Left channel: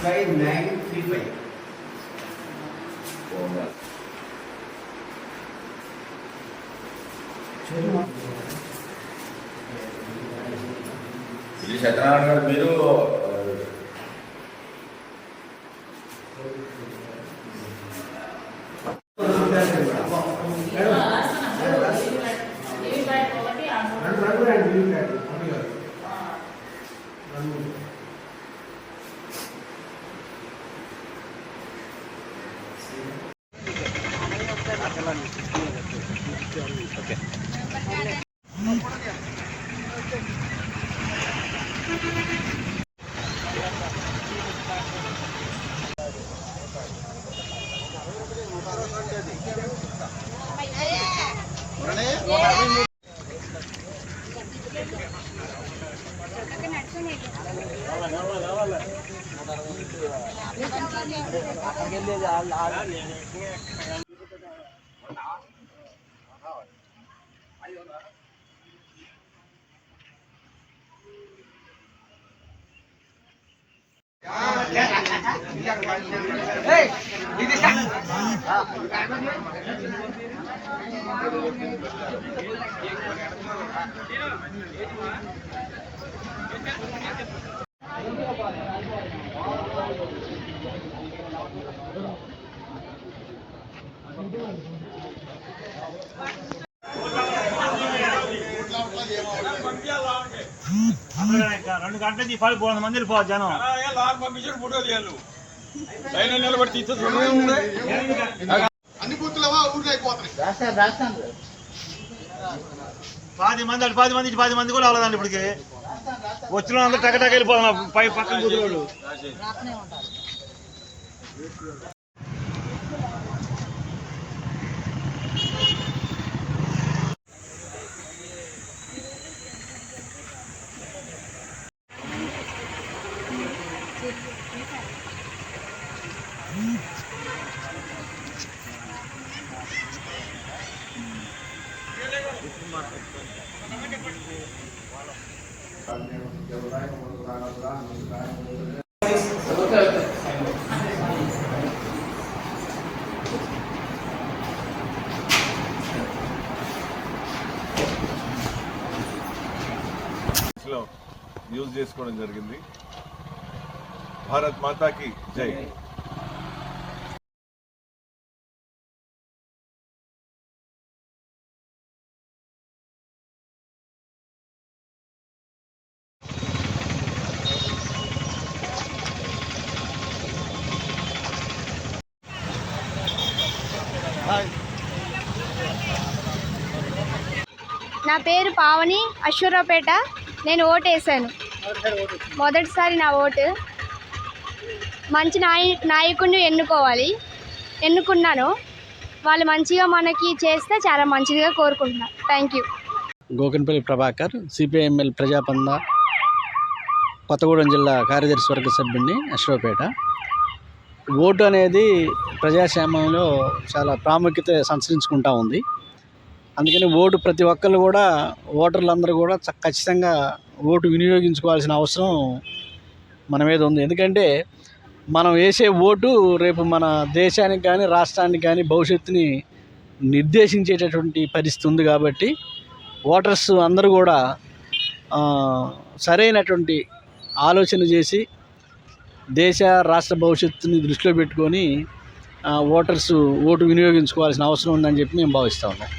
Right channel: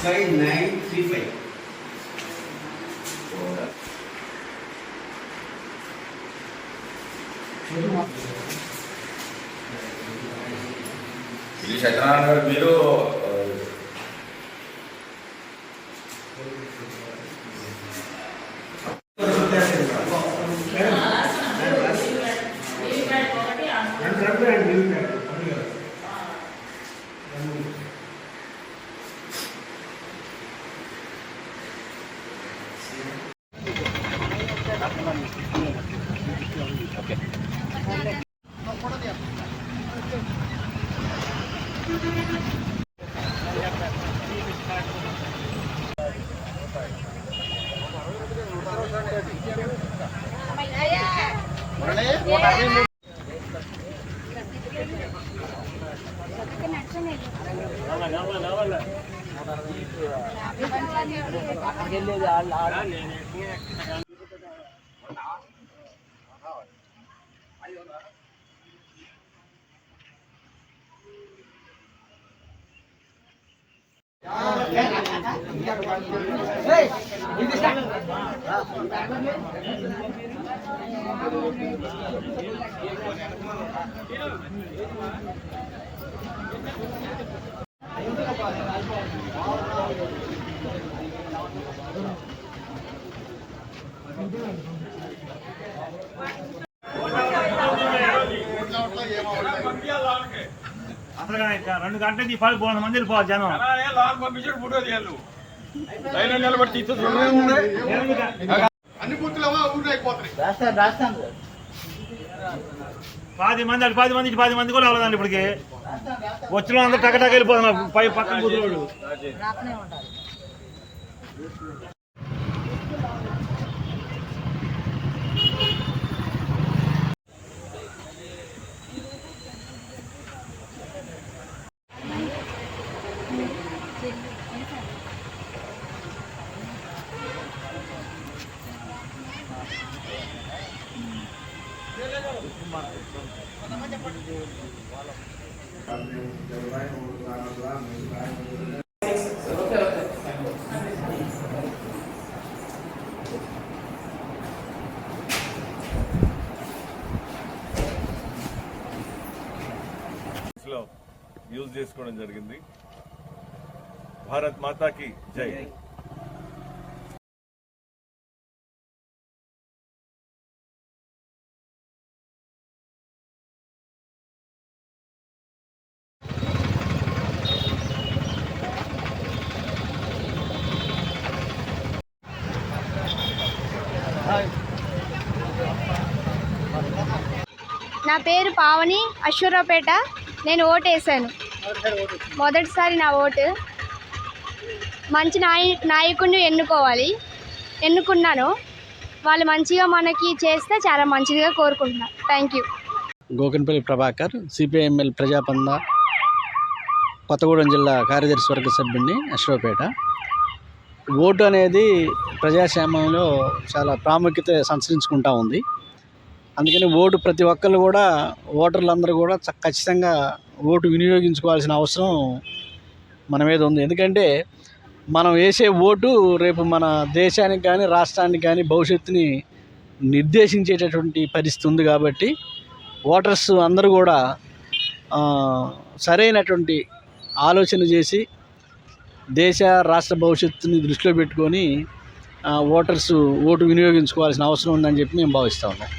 Slide 935. ఇది సత్యనారాయణ గారు మీరు రెండు గంటలకి పడిపోతుంది మంది వెళ్ళిపోవాలి జనం అన్ని బుక్కులవా ఊరికి అయిపోతాయి. 10 మంది కూడా అవ్వలేదండి ఇప్పటికి వచ్చిన అందరూ టకటక వెళ్ళిపోతున్నారు పక్కన కూతురు యూజ్ చేసుకోవడం జరిగింది. భారత్ మాతాకి జై. నా పేరు పావని, అశ్వరావుపేట. నేను ఓటు వేసాను, మొదటిసారి నా ఓటు. మంచి నాయకుడిని ఎన్నుకున్నాను. వాళ్ళు మంచిగా మనకి చేస్తే చాలా మంచిగా కోరుకుంటున్నాను. Thank you. Gokanpalli Prabhakar, CPI ML Prajapantha Kothagudem జిల్లా కార్యదర్శి వర్గ సభ్యుడిని, అశ్వరావుపేట. ఓటు అనేది ప్రజాస్వామ్యంలో చాలా ప్రాముఖ్యత సంతరించుకుంటూ ఉంది. అందుకని ఓటు ప్రతి ఒక్కళ్ళు కూడా, ఓటర్లందరూ కూడా ఖచ్చితంగా ఓటు వినియోగించుకోవాల్సిన అవసరం మన మీద ఉంది. ఎందుకంటే మనం వేసే ఓటు రేపు మన దేశానికి కానీ రాష్ట్రానికి కానీ భవిష్యత్తుని నిర్దేశించేటటువంటి పరిస్థితి ఉంది. కాబట్టి ఓటర్స్ అందరూ కూడా సరైనటువంటి ఆలోచన చేసి దేశ రాష్ట్ర భవిష్యత్తుని దృష్టిలో పెట్టుకొని ఓటర్స్ ఓటు వినియోగించుకోవాల్సిన అవసరం ఉందని చెప్పి మేము భావిస్తూ ఉన్నాం.